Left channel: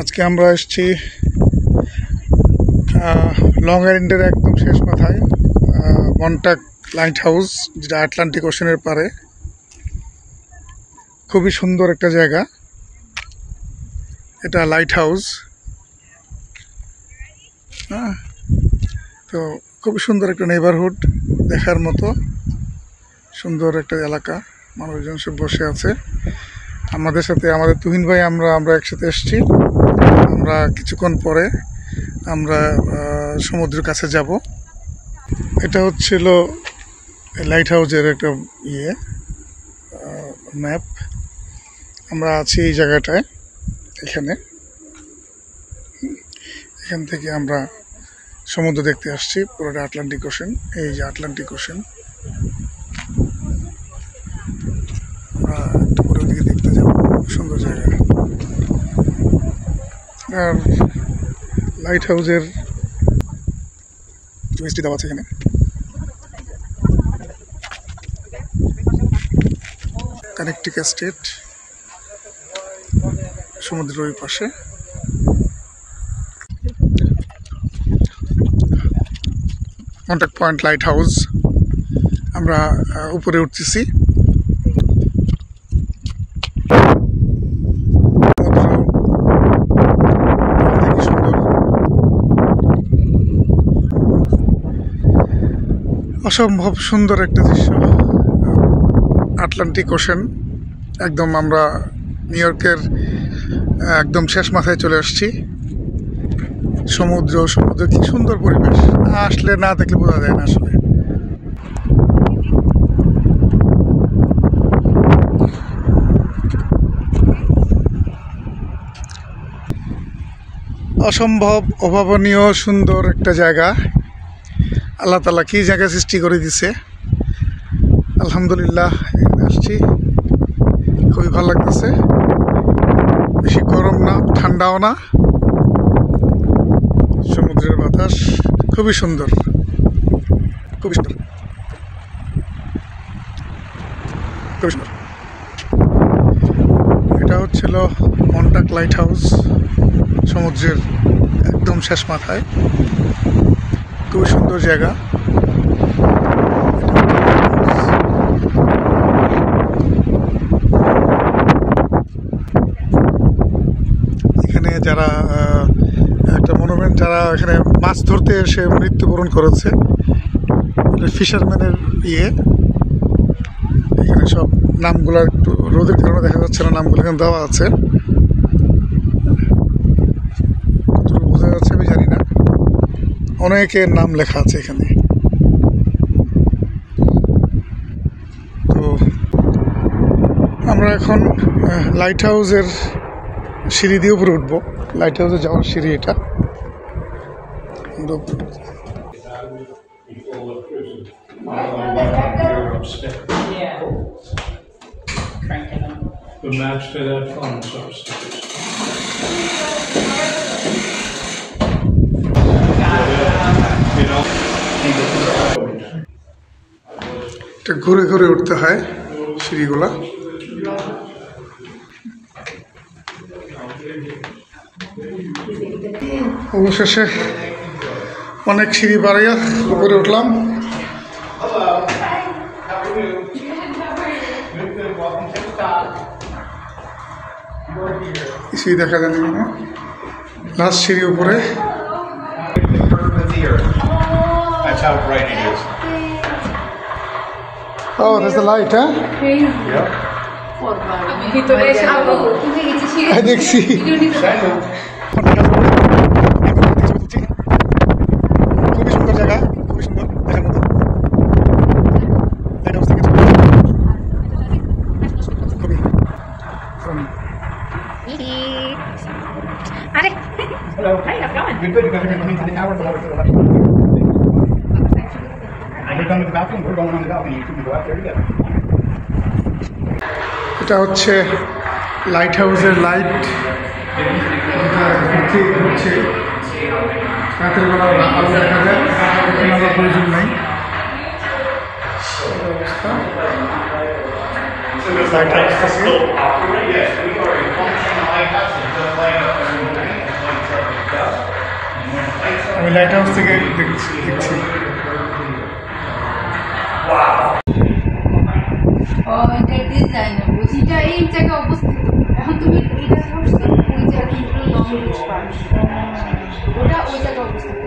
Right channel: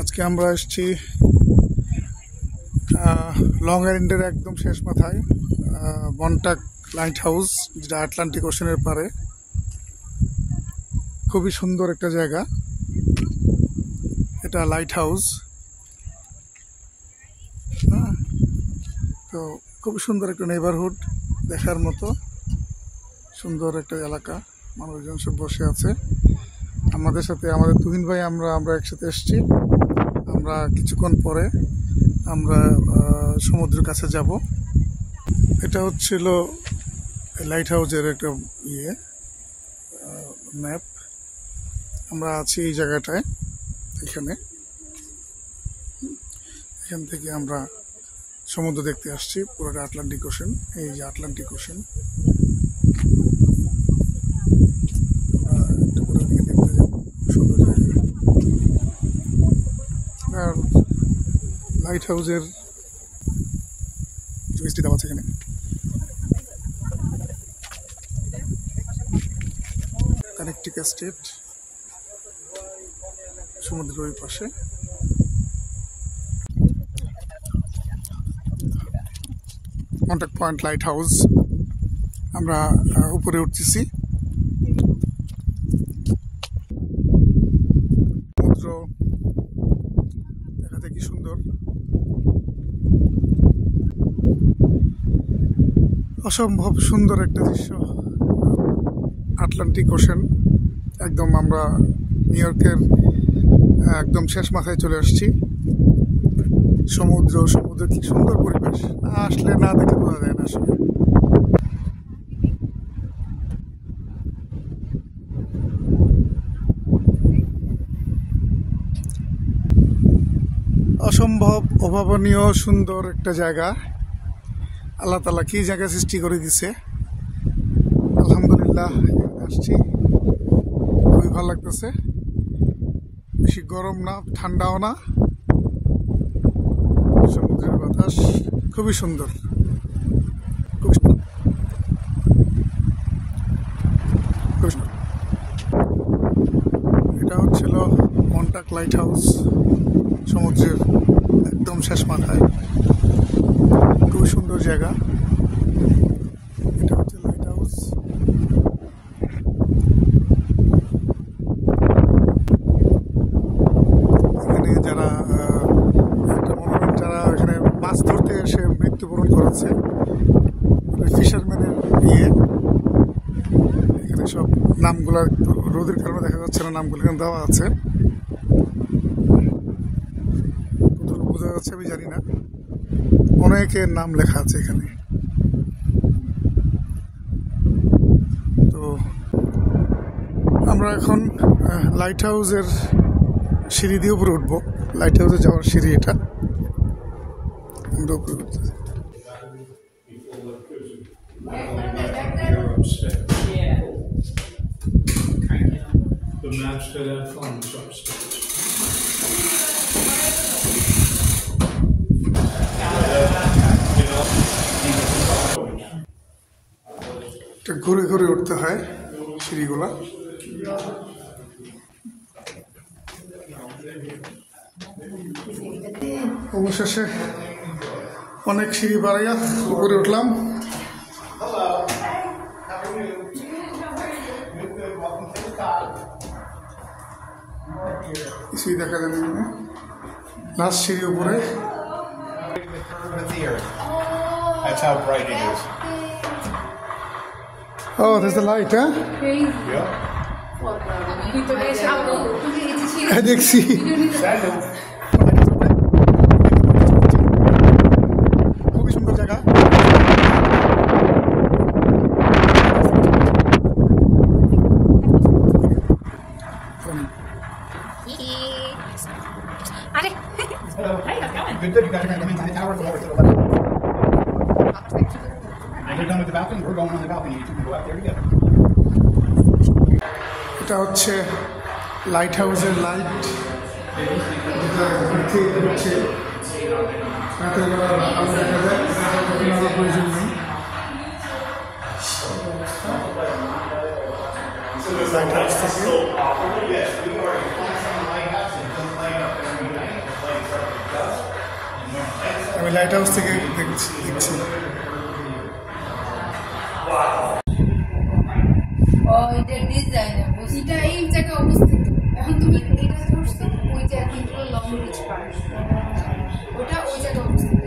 আজকে আমরা এসেছি লং আইল্যান্ডের একদম শেষ মাথায় মন্টাক লাইট হাউস, যেটা আটলান্টিক ওশানের পারে। খুবই সুন্দর একটা জায়গা এটা, লাইট হাউস। তো খুবই সুন্দর একটা নেইবারহুড, দেখার মতো সুন্দর একটা এলাকা। মানুষজন সব বসে আছে আমাদের সাথে। আমাদের তুহিন ভাই আমরা একসাথে এসেছি। আমরা কিছুক্ষণ পরে আমরা সমুদ্রের কাছে যাব। এটা হচ্ছিল লাইট হাউসের একটা ম্যাপ। আমরা আছি এই জায়গাটায়, এখান থেকে আমরা সমুদ্র দেখতে আসছি। পুরোটা আটলান্টিক ওশান। এই যে আটলান্টিক ওশান, আমরা একটু পরের দিকে দেখতে যাব। সুন্দর জায়গা। আর লাইট হাউসের মিষ্টি দেওয়া আছে এখানে। কানেকটিকা স্টেট, সমুদ্রের ওই পাশে। মন্টাক পয়েন্ট লাইট হাউস। আমরা উপরে উঠতেছি। অসম্ভব সুন্দর একটা দৃশ্য, আটলান্টিক ওশান। একদম আমরা নিউ ইয়র্কের একদম শেষ মাথায় চলে আসছি। সমুদ্র কি সুন্দর পরিবেশ, আসলে না দেখলে বোঝা যায় না আসলে। অসম্ভব অভাবনীয় সুন্দর একটা জায়গা। আল্লাহ তাআলা কি জায়গা সৃষ্টি করে দিছে। আলহামদুলিল্লাহ, আসছি, খুবই ভালো লাগতেছে। বেশি গরম না, ঠান্ডাও না। সমুদ্রের বাতাস খুবই সুন্দর, খুবই সুন্দর, খুবই সুন্দর। এটা হচ্ছিল মন্টাক লাইট হাউস, সমুদ্রের একদম শেষ মাথায়। খুবই সুন্দর জায়গা। এখানে যারা একটা মনোমেন্ট, যারা এখানে মাছ ধরতে এসে মৃত্যুবরণ করেছে, ফিশারম্যানের এখানে সব নামগুলো একটু রোদের কারণে দেখা যাচ্ছে না, নামগুলো এখানে দেওয়া আছে। বোঝা যাচ্ছে আমি জানি না, অনেকের নাম লেখা আছে এখানে। তো আমরা এখন লাইট হাউসের সিঁড়ি দিয়ে উপরে উঠবো। লাইট হাউসে যাওয়ার সিঁড়ি এটা। The maps to that phone is upstairs. এটা ঘুরে ঘুরে উঠতে হয় সিঁড়িগুলা। অবশেষে অনেক সিঁড়ি বাড়িয়া উপরে উঠলাম। কিছুই দেখা যাবে না, লাস্ট সিঁড়ি উপরে। That's how bright it is. Oh, there's the light, huh? Yep. দেখছি। খুবই সুন্দর জায়গা। Hello. Hey, how's it going? Good, good. You guys are going to come into the tower, go over to the left. You're done with the balcony. We're going on the balcony. You can go out there together. এটা হচ্ছে light হাউসের light, হচ্ছে রাতের বেলা আলো দেখা যায়, আলাদা প্রয়োজন নাই। So does the light still operate? Yes, we are a functional lighthouse. It does light up every night. Light house থেকে দেখছি। এটা ডিজাইন এটা এই জায়গায় অবস্থিত। এখন তুমি এটা ধরছো ওই জায়গায় লং রিচ পার্ক, ওটা ওই জায়গায় অবস্থিত।